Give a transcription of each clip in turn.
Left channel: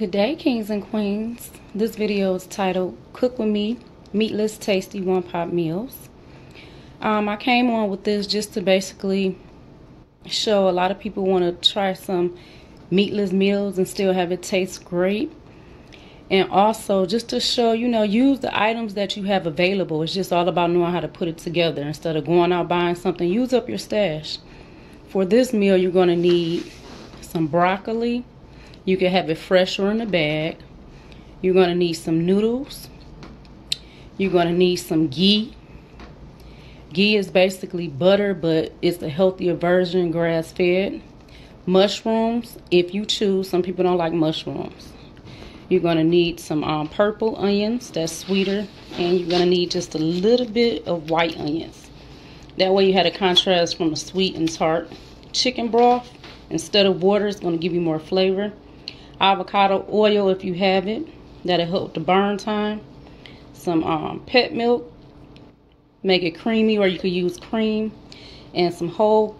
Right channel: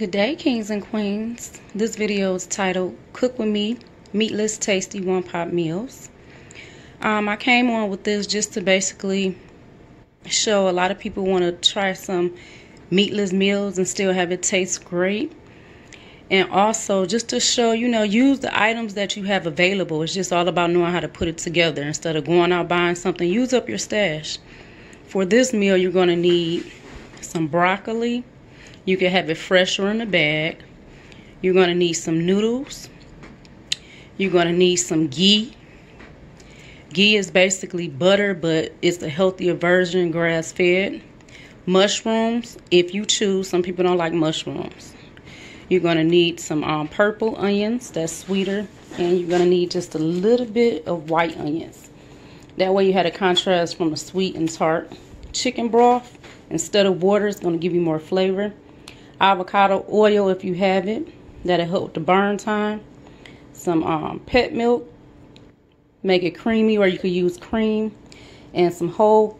Good day, kings and queens. This video is titled Cook With Me, Meatless Tasty One-Pot Meals. I came on with this just to basically show a lot of people want to try some meatless meals and still have it taste great. And also just to show, use the items that you have available. It's just all about knowing how to put it together. Instead of going out buying something, use up your stash. For this meal, you're going to need some broccoli. You can have it fresh or in a bag. You're going to need some noodles. You're going to need some ghee. Ghee is basically butter, but it's a healthier version, grass-fed. Mushrooms, if you choose. Some people don't like mushrooms. You're going to need some purple onions, that's sweeter. And you're going to need just a little bit of white onions. That way you have a contrast from the sweet and tart. Chicken broth, instead of water, it's going to give you more flavor. Avocado oil, if you have it, that'll help the burn time. Some pet milk, make it creamy, or you could use cream. And some whole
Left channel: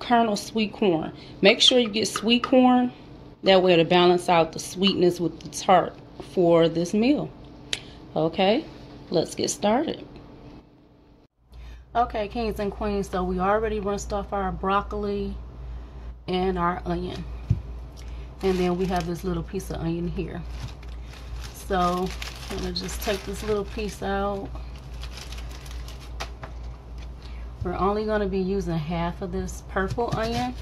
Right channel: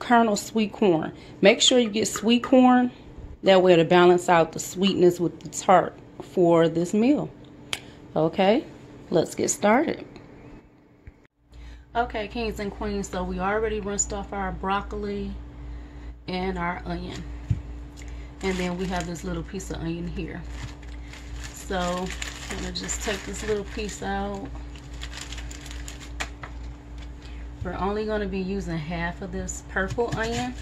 kernel sweet corn. Make sure you get sweet corn. That way to balance out the sweetness with the tart for this meal. Okay, let's get started. Okay, kings and queens, so we already rinsed off our broccoli and our onion. And then we have this little piece of onion here. So I'm gonna just take this little piece out. We're only gonna be using half of this purple onion.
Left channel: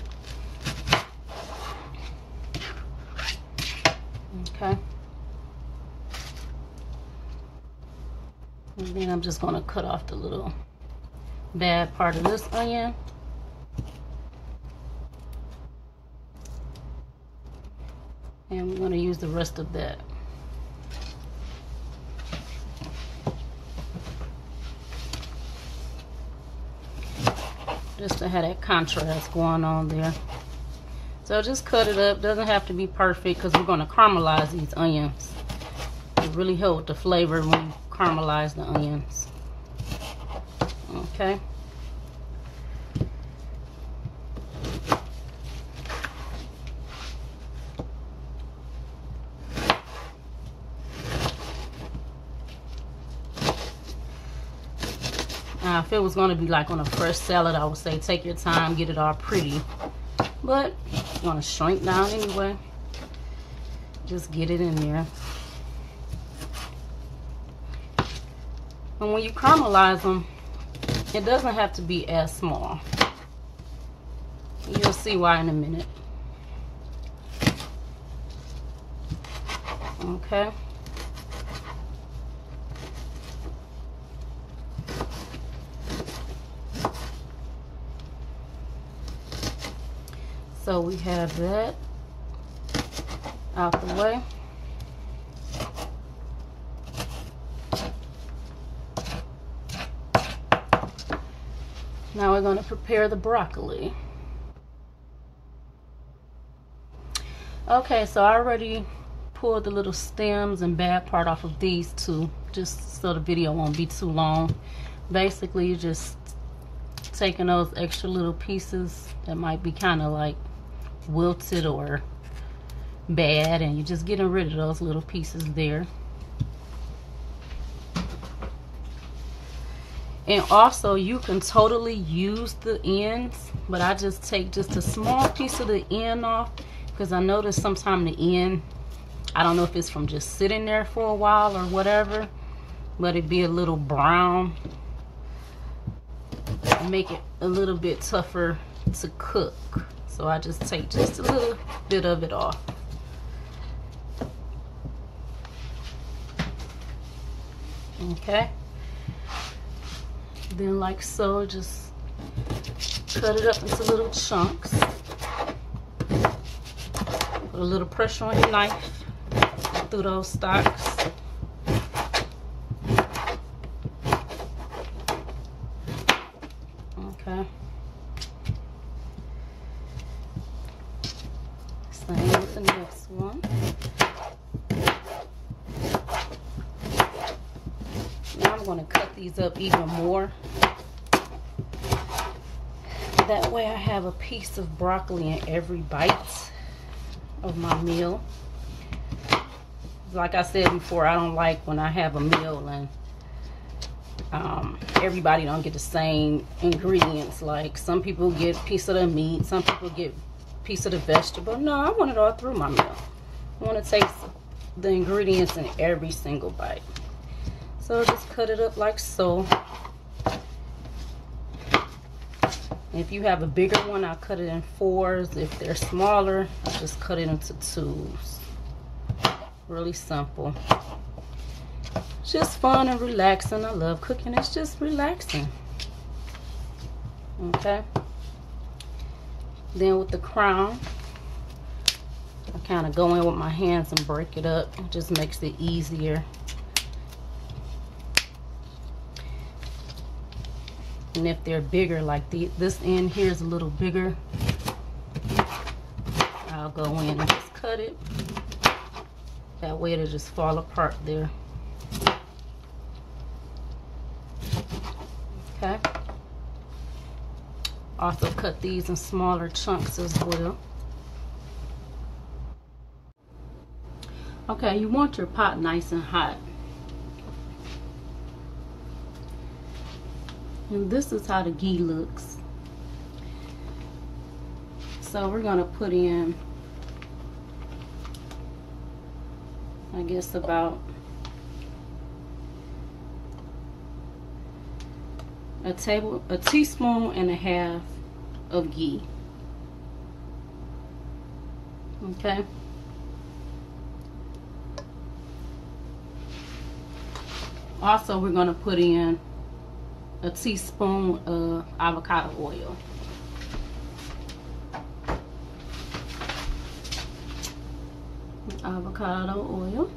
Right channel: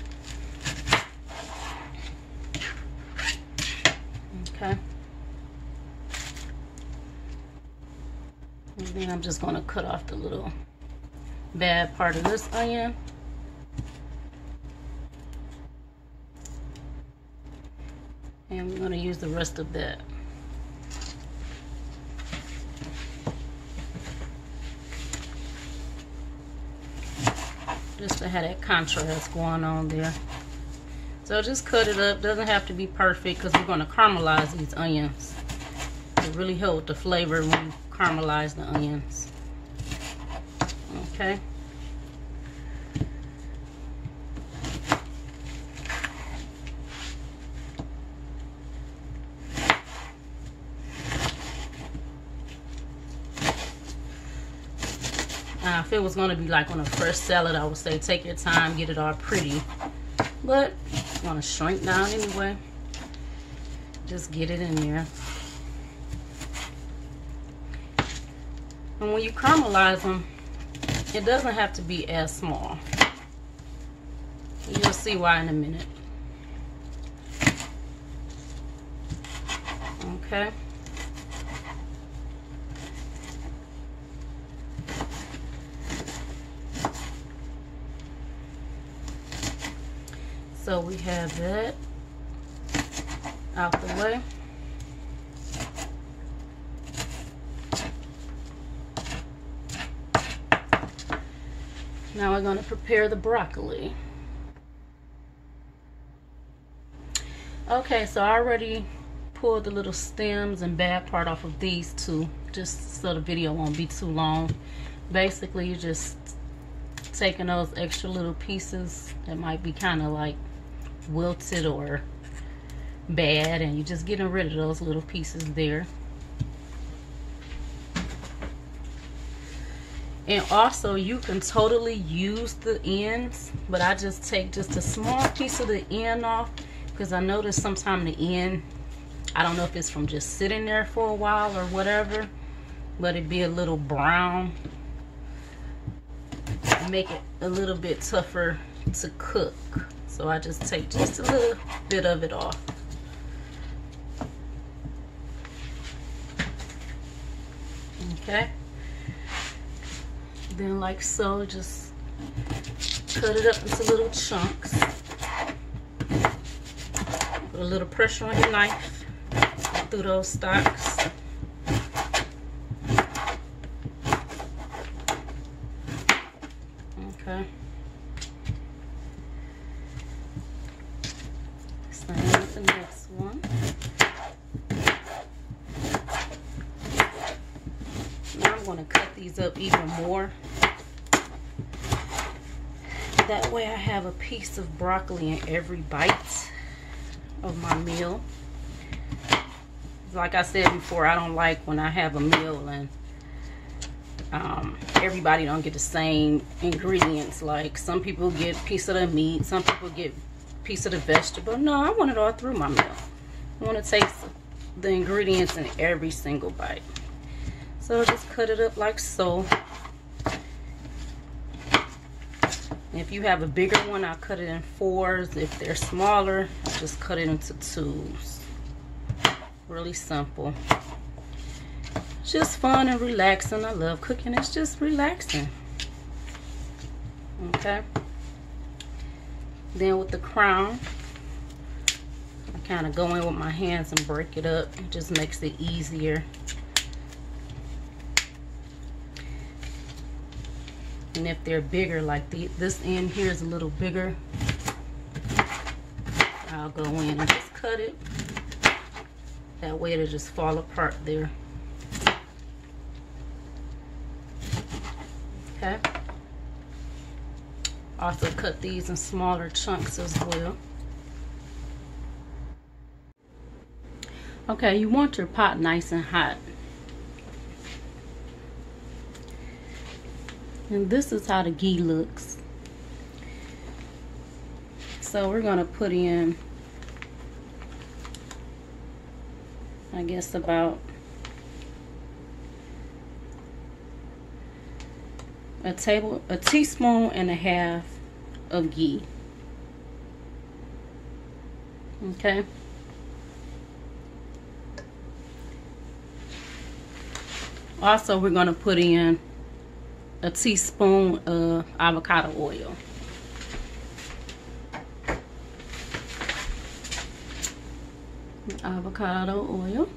Okay. And then I'm just gonna cut off the little bad part of this onion. And we're going to use the rest of that. Just to have that contrast going on there. So just cut it up. Doesn't have to be perfect because we're going to caramelize these onions. It really helps the flavor when you caramelize the onions. Okay. Now, if it was going to be like on a fresh salad, I would say take your time, get it all pretty. But you want to shrink down anyway. Just get it in there. And when you caramelize them, it doesn't have to be as small. You'll see why in a minute. Okay. So we have that out the way. Now we're going to prepare the broccoli. Okay, so I already pulled the little stems and bad part off of these two, just so the video won't be too long. Basically, you're just taking those extra little pieces that might be kind of like wilted or bad, and you're just getting rid of those little pieces there. And also you can totally use the ends, but I just take just a small piece of the end off because I notice sometimes the end, I don't know if it's from just sitting there for a while or whatever, but it'd be a little brown and make it a little bit tougher to cook. So I just take just a little bit of it off. Okay. Then like so, just cut it up into little chunks. Put a little pressure on your knife through those stalks. Okay. Same with the next one. Now I'm going to cut these up even more. That way I have a piece of broccoli in every bite of my meal. Like I said before, I don't like when I have a meal and everybody don't get the same ingredients. Like some people get a piece of the meat, some people get a piece of the vegetable. No, I want it all through my meal. I want to taste the ingredients in every single bite. So just cut it up like so. If you have a bigger one, I'll cut it in 4s. If they're smaller, I'll just cut it into 2s. Really simple. Just fun and relaxing. I love cooking. It's just relaxing. Okay. Then with the crown, I kind of go in with my hands and break it up. It just makes it easier. And if they're bigger, like this end here is a little bigger, I'll go in and just cut it. That way it'll just fall apart there. Okay. Also cut these in smaller chunks as well. Okay, you want your pot nice and hot. And this is how the ghee looks. So we're gonna put in, I guess, about a teaspoon and a half of ghee. Okay. Also, we're gonna put in a teaspoon of avocado oil. Avocado oil.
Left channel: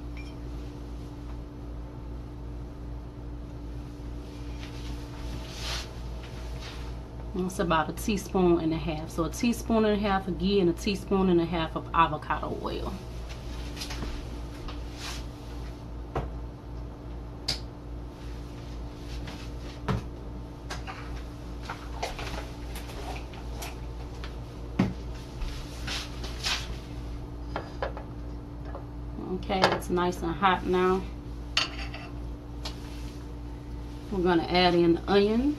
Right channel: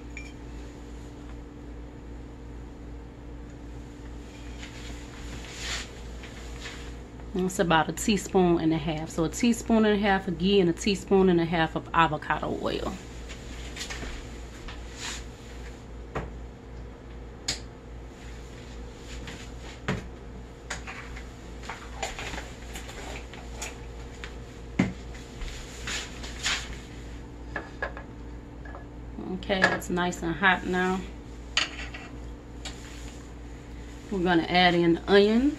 And it's about a teaspoon and a half. So a teaspoon and a half of ghee and a teaspoon and a half of avocado oil. Okay, it's nice and hot now. We're going to add in onions.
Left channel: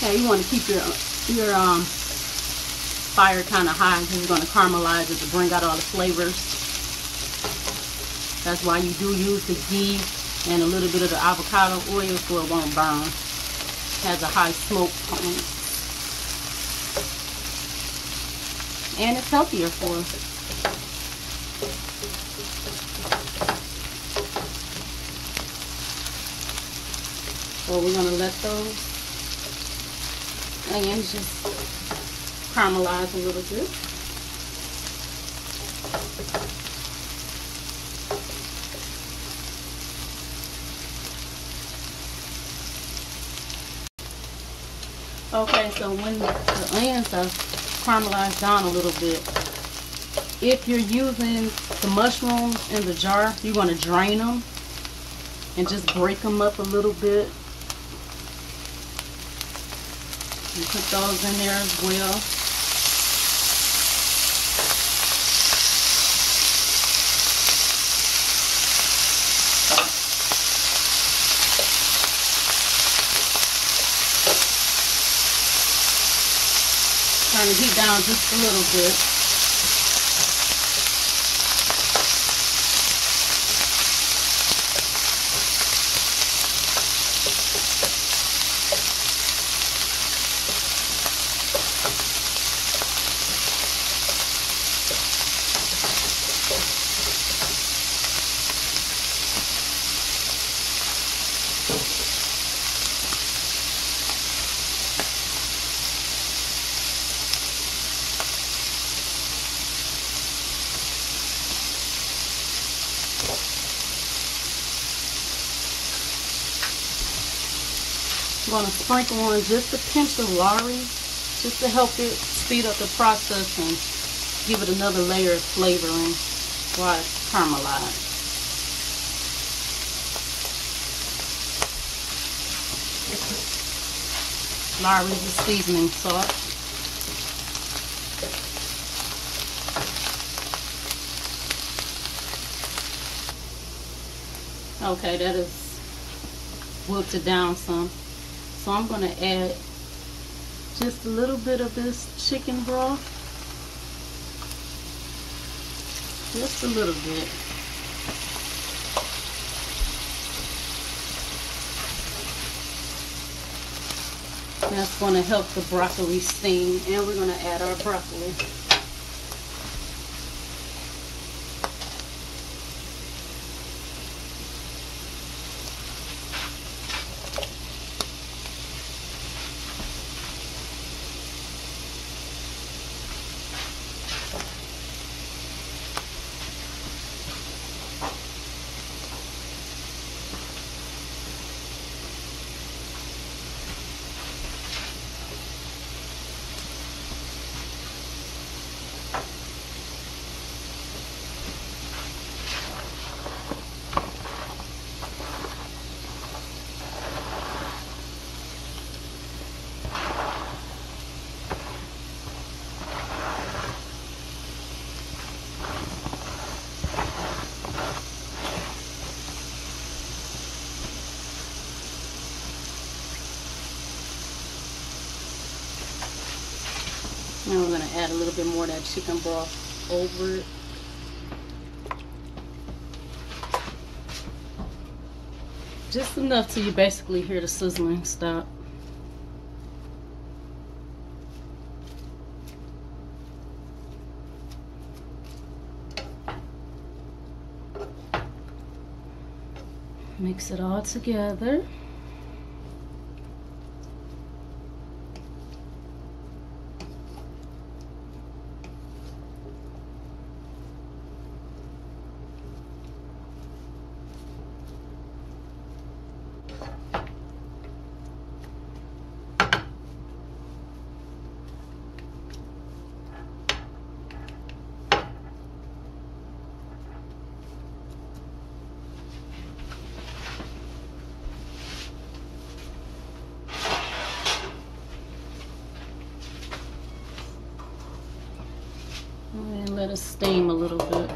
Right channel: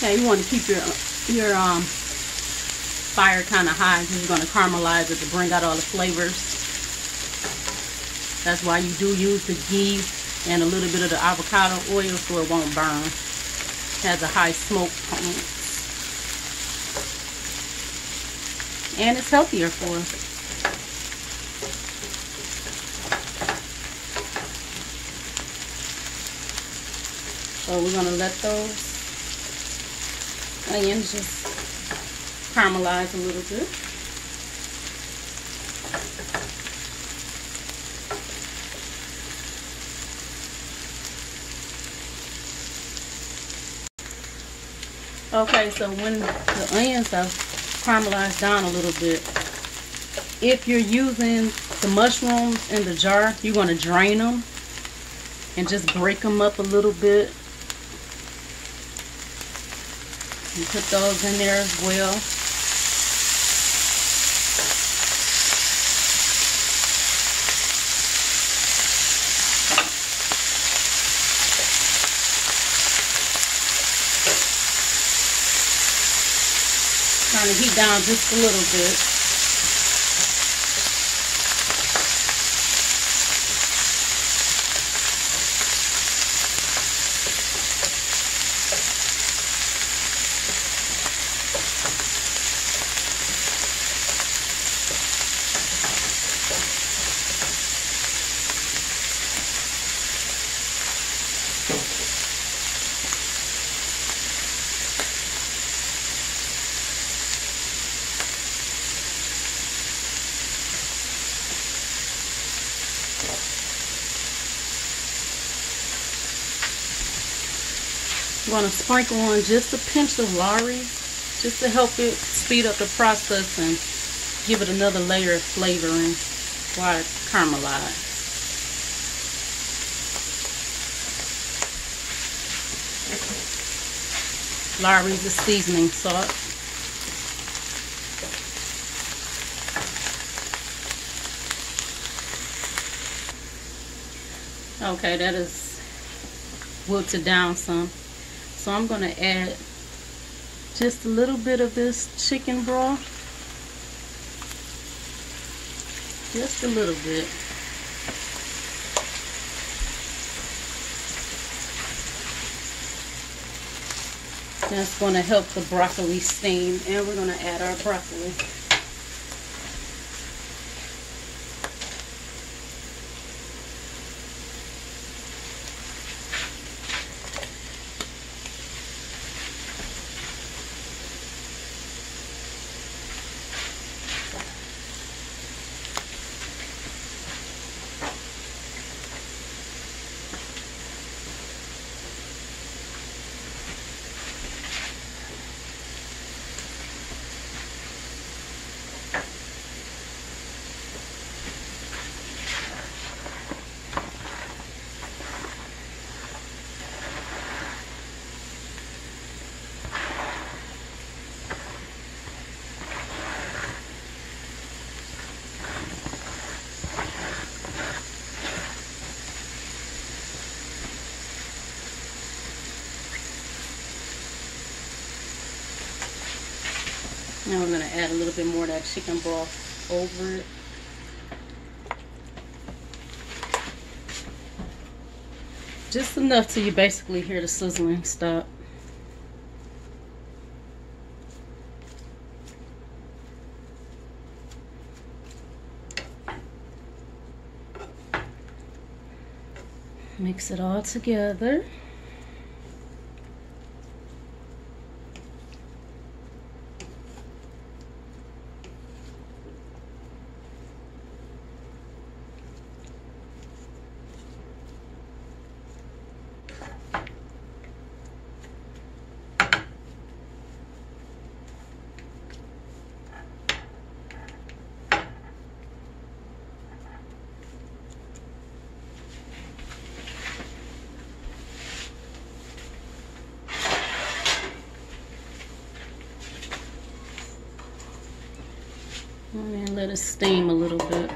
Okay, you want to keep your fire kind of high because you're going to caramelize it to bring out all the flavors. That's why you do use the ghee and a little bit of the avocado oil so it won't burn. It has a high smoke point. And it's healthier for us. So we're going to let those onions just caramelize a little bit. Okay, so when the onions are caramelized down a little bit, if you're using the mushrooms in the jar, you want to drain them and just break them up a little bit. And put those in there as well. Kind of heat down just a little bit. I'm going to sprinkle on just a pinch of Lorry, just to help it speed up the process and give it another layer of flavoring while it's caramelized. Lorry's a seasoning salt. Okay, that is wilted down some. So I'm going to add just a little bit of this chicken broth. Just a little bit. That's going to help the broccoli steam, and we're going to add our broccoli. Now we're going to add a little bit more of that chicken broth over it. Just enough till you basically hear the sizzling stop. Mix it all together. And let it steam a little bit.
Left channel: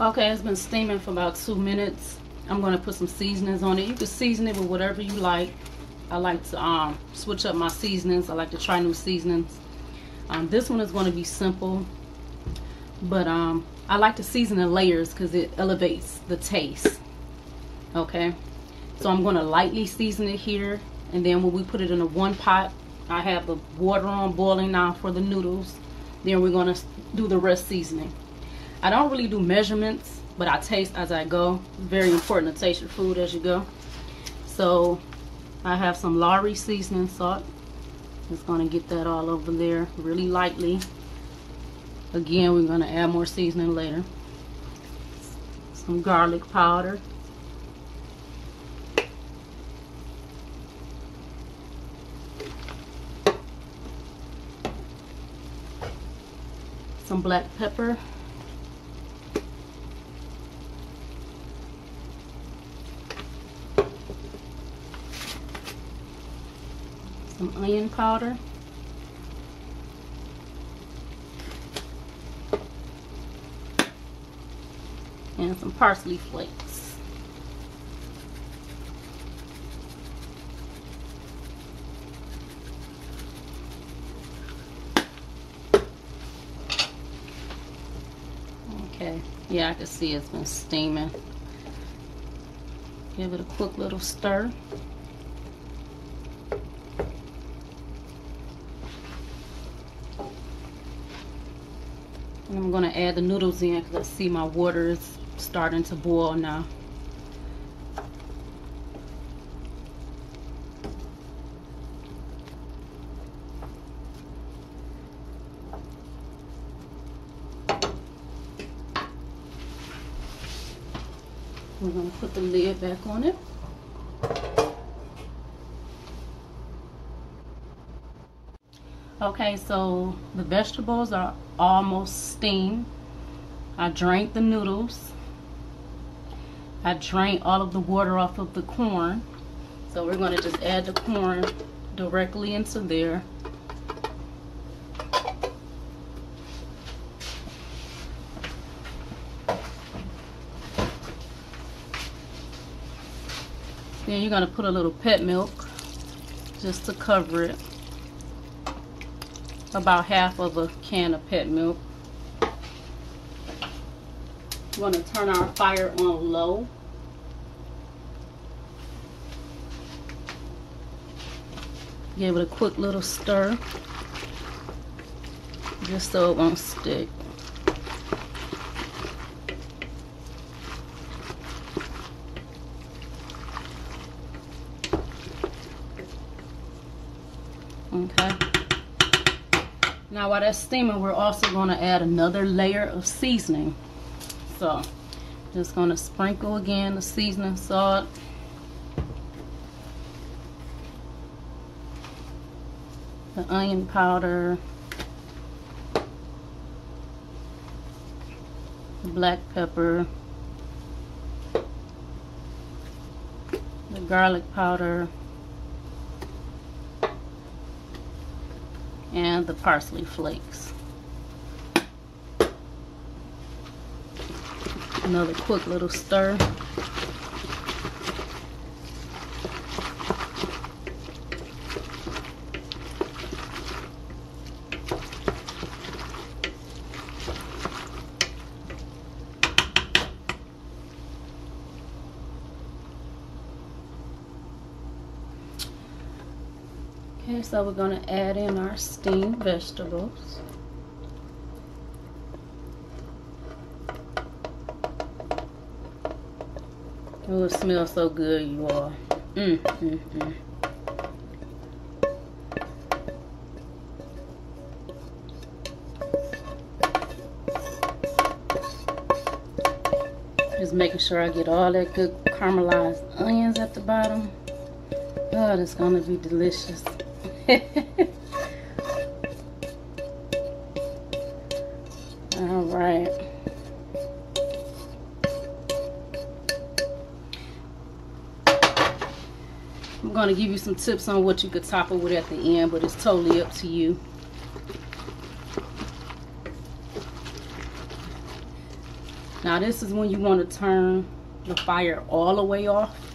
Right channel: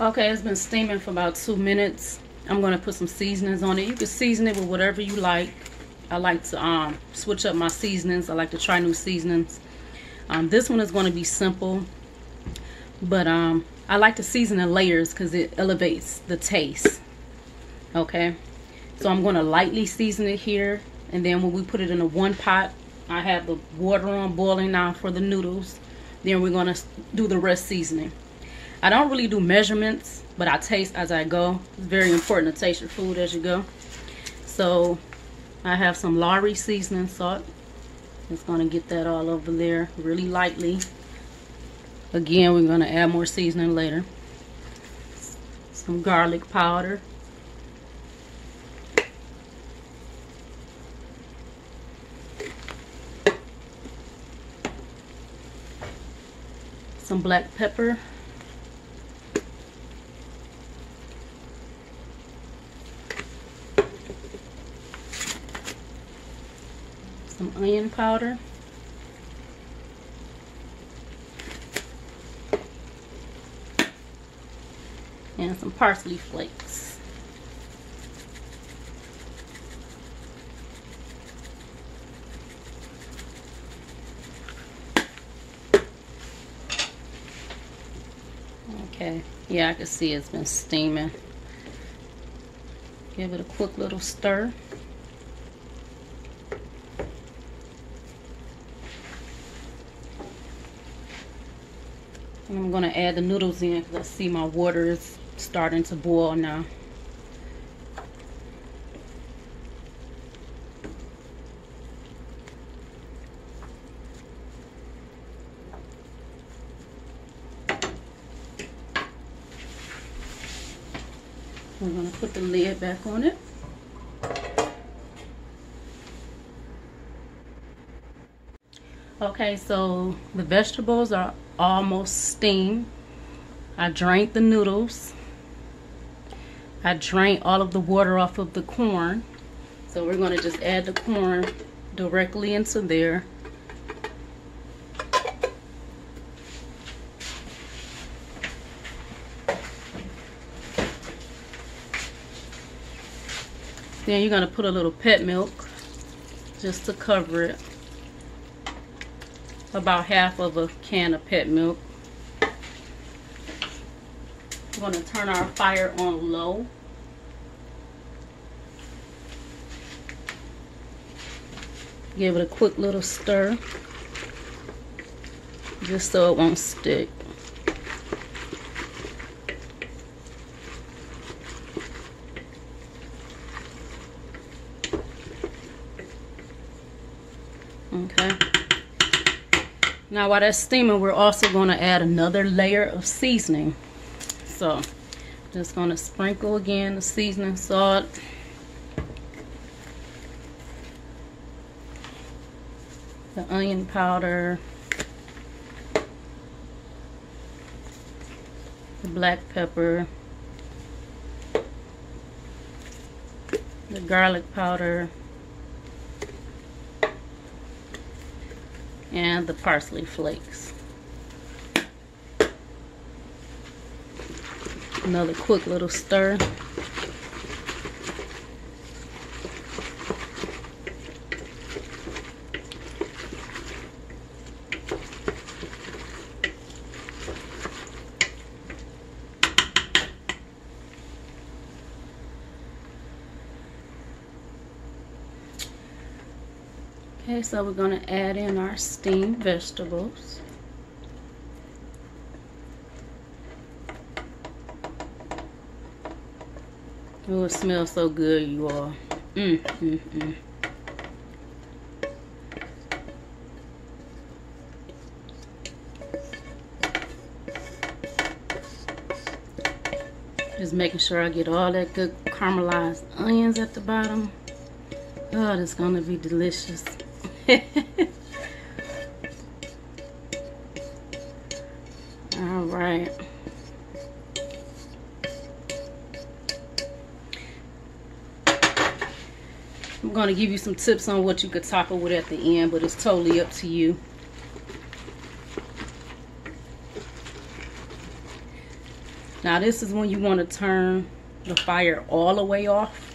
Okay, it's been steaming for about 2 minutes. I'm going to put some seasonings on it. You can season it with whatever you like. I like to switch up my seasonings. I like to try new seasonings. This one is going to be simple, but I like to season in layers because it elevates the taste. Okay, so I'm going to lightly season it here, and then when we put it in a one pot, I have the water on boiling now for the noodles. Then we're going to do the rest seasoning. I don't really do measurements, but I taste as I go. It's very important to taste your food as you go. So I have some Lorry seasoning salt. Just going to get that all over there really lightly. Again, we're going to add more seasoning later. Some garlic powder. Some black pepper. Some onion powder. And some parsley flakes. Okay, yeah, I can see it's been steaming. Give it a quick little stir. And I'm going to add the noodles in because I see my water is starting to boil now. We're going to put the lid back on it. Okay, so the vegetables are almost steamed. I drained the noodles. I drained all of the water off of the corn. So we're going to just add the corn directly into there. Then you're going to put a little pet milk just to cover it. About half of a can of pet milk. We're going to turn our fire on low. Give it a quick little stir, just so it won't stick. Okay. Now while that's steaming, we're also going to add another layer of seasoning. So just going to sprinkle again the seasoning salt. The onion powder. The black pepper. The garlic powder. And the parsley flakes. Another quick little stir. Okay, so we're going to add in our steamed vegetables. Oh, it smells so good, you all. Just making sure I get all that good caramelized onions at the bottom. Oh, it's going to be delicious. All right. I'm going to give you some tips on what you could top it with at the end, but it's totally up to you. Now this is when you want to turn the fire all the way off.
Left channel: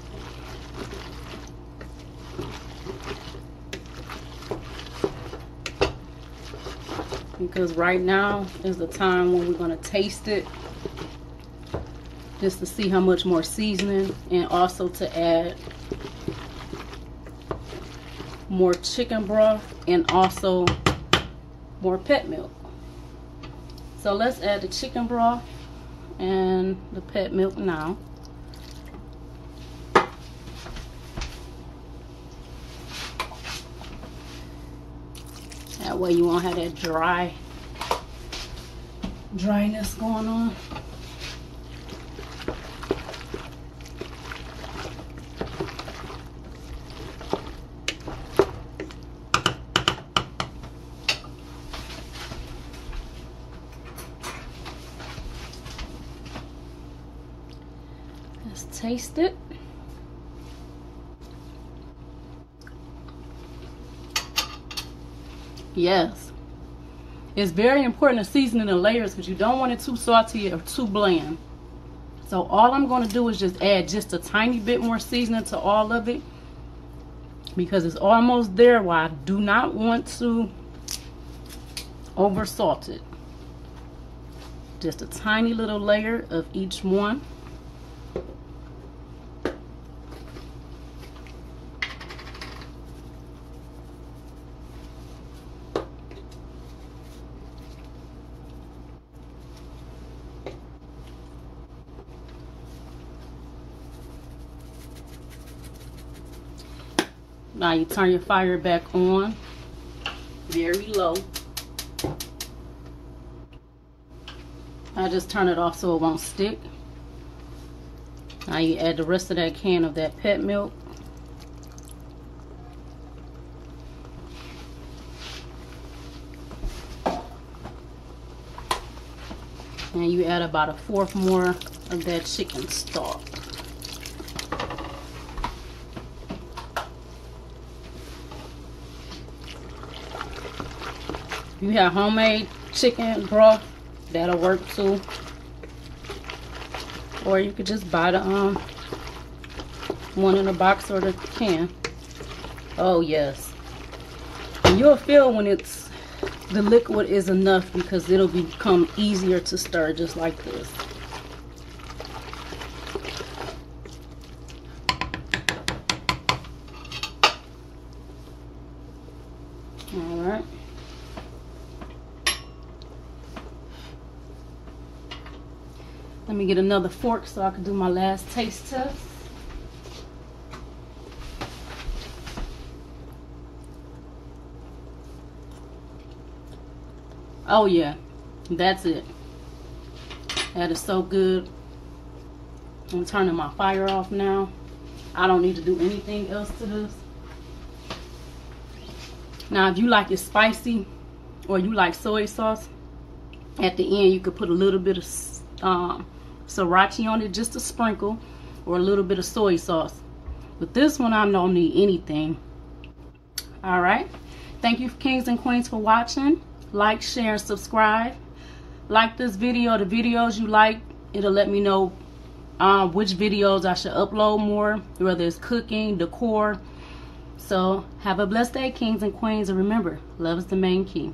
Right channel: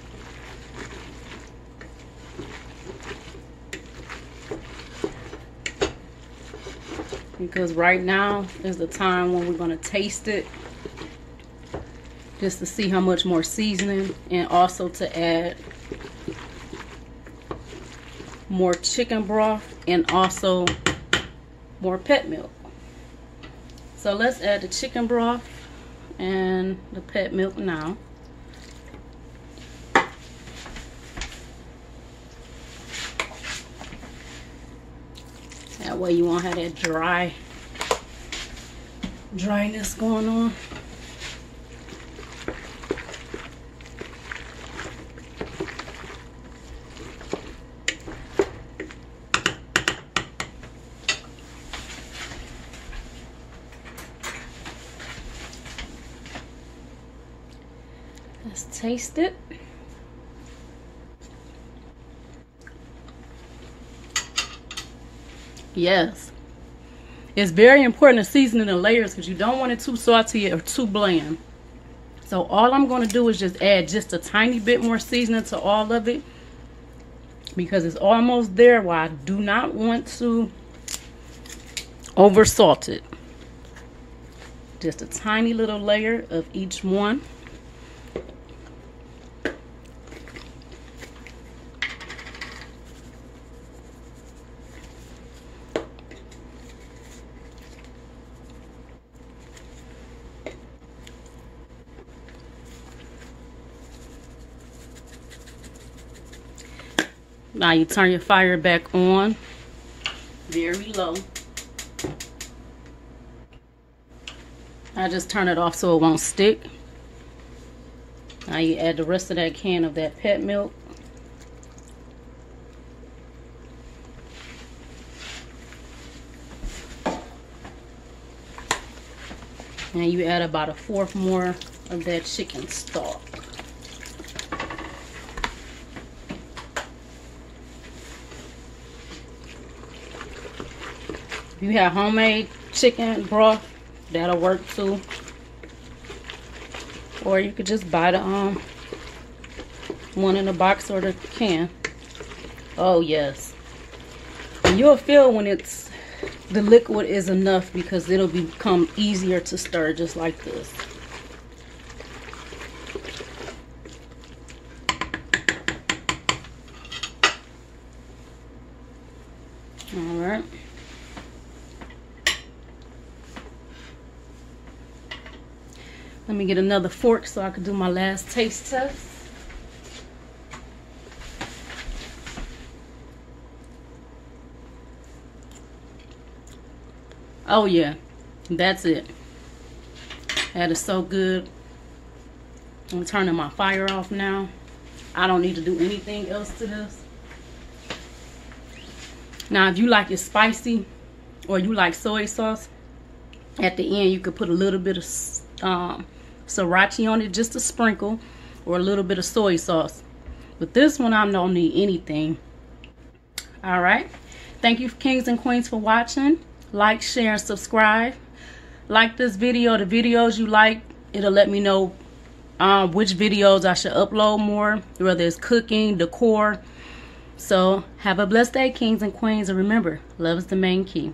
Because right now is the time when we're going to taste it, just to see how much more seasoning, and also to add more chicken broth and also more pet milk. So let's add the chicken broth and the pet milk now. That way you won't have that dryness going on. Let's taste it. Yes, it's very important to season in the layers because you don't want it too salty or too bland. So all I'm going to do is just add just a tiny bit more seasoning to all of it, because it's almost there. While I do not want to over salt it. Just a tiny little layer of each one. Now you turn your fire back on, very low. I just turn it off so it won't stick. Now you add the rest of that can of that pet milk. And you add about 1/4 more of that chicken stock. If you have homemade chicken broth, that'll work too. Or you could just buy the one in the box or the can. Oh yes. And you'll feel when the liquid is enough, because it'll become easier to stir just like this. All right. Let me get another fork so I can do my last taste test. Oh yeah, that's it. That is so good. I'm turning my fire off now. I don't need to do anything else to this. Now, if you like it spicy or you like soy sauce, at the end you could put a little bit of sriracha on it, just a sprinkle, or a little bit of soy sauce. But this one, I don't need anything. All right. Thank you, kings and queens, for watching. Like, share, and subscribe. Like this video, the videos you like, it'll let me know which videos I should upload more, whether it's cooking, decor. So have a blessed day, kings and queens, and remember, love is the main key.